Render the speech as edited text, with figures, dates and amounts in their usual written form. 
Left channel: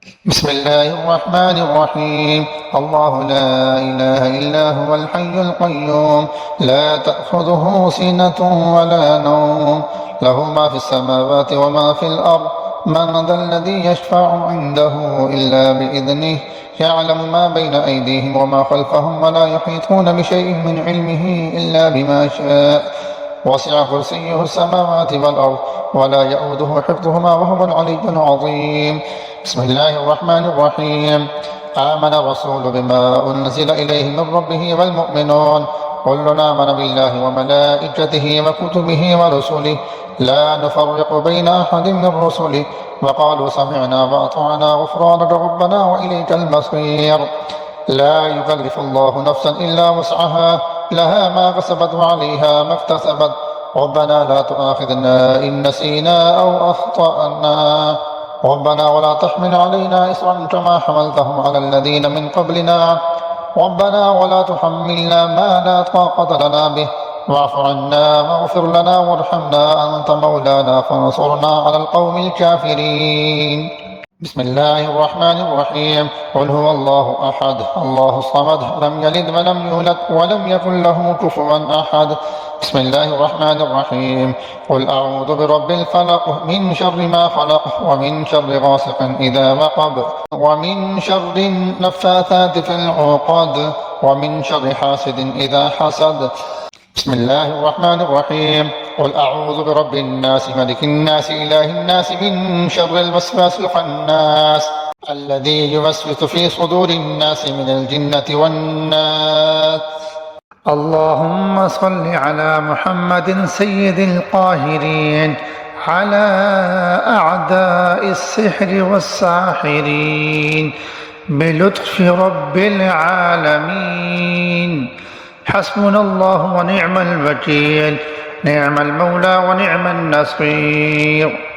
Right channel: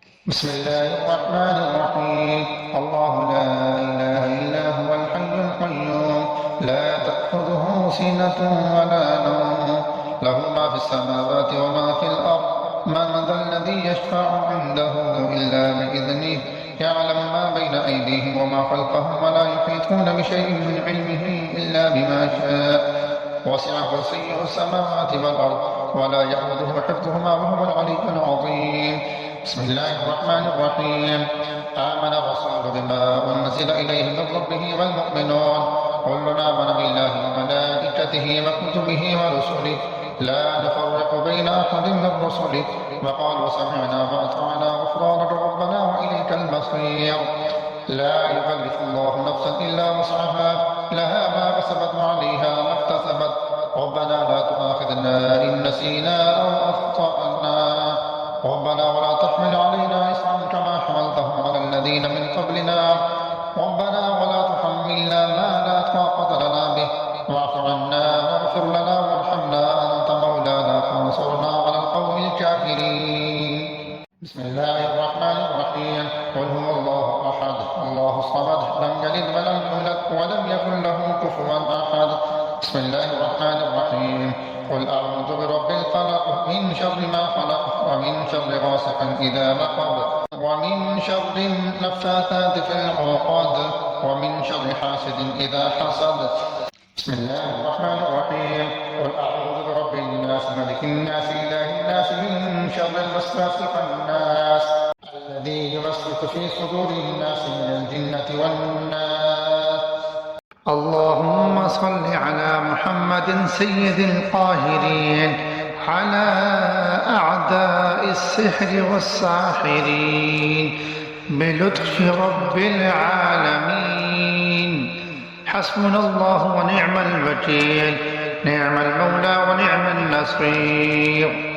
بسم الله الرحمن الرحيم. الله لا إله إلا هو الحي القيوم لا تأخذه سنة ولا نوم له ما في السماوات وما في الأرض من ذا الذي يشفع عنده إلا بإذنه يعلم ما بين أيديهم وما خلفهم ولا يحيطون بشيء من علمه إلا بما شاء وسع كرسيه السماوات والأرض ولا يؤوده حفظهما وهو العلي العظيم. بسم الله الرحمن الرحيم. آمن الرسول بما أنزل إليه من ربه والمؤمنون كل آمن بالله وملائكته وكتبه ورسله لا نفرق بين أحد من رسله وقالوا سمعنا وأطعنا غفرانك ربنا وإليك المصير. لا يكلف الله نفسا إلا وسعها لها ما كسبت وعليها ما اكتسبت ربنا لا تؤاخذنا إن نسينا أو أخطأنا ربنا ولا تحمل علينا إصرا كما حملته على الذين من قبلنا ربنا ولا تحملنا ما لا طاقة لنا به واعف عنا واغفر لنا وارحمنا أنت مولانا فانصرنا على القوم الكافرين. بسم الله الرحمن الرحيم. قل هو الله أحد الله الصمد لم يلد ولم يولد ولم يكن له كفوا أحد. بسم الله الرحمن الرحيم. قل أعوذ برب الفلق من شر ما خلق ومن شر غاسق إذا وقب ومن شر النفاثات في العقد ومن شر حاسد إذا حسد. بسم الله الرحمن الرحيم. قل أعوذ برب الناس ملك الناس إله الناس من شر الوسواس الخناس الذي يوسوس في صدور الناس من الجنة والناس. اللهم صل على محمد سيد القاهرين على أعداء السحر والساحرين بلطف رب العالمين. حسبنا الله ونعم الوكيل نعم المولى ونعم النصير.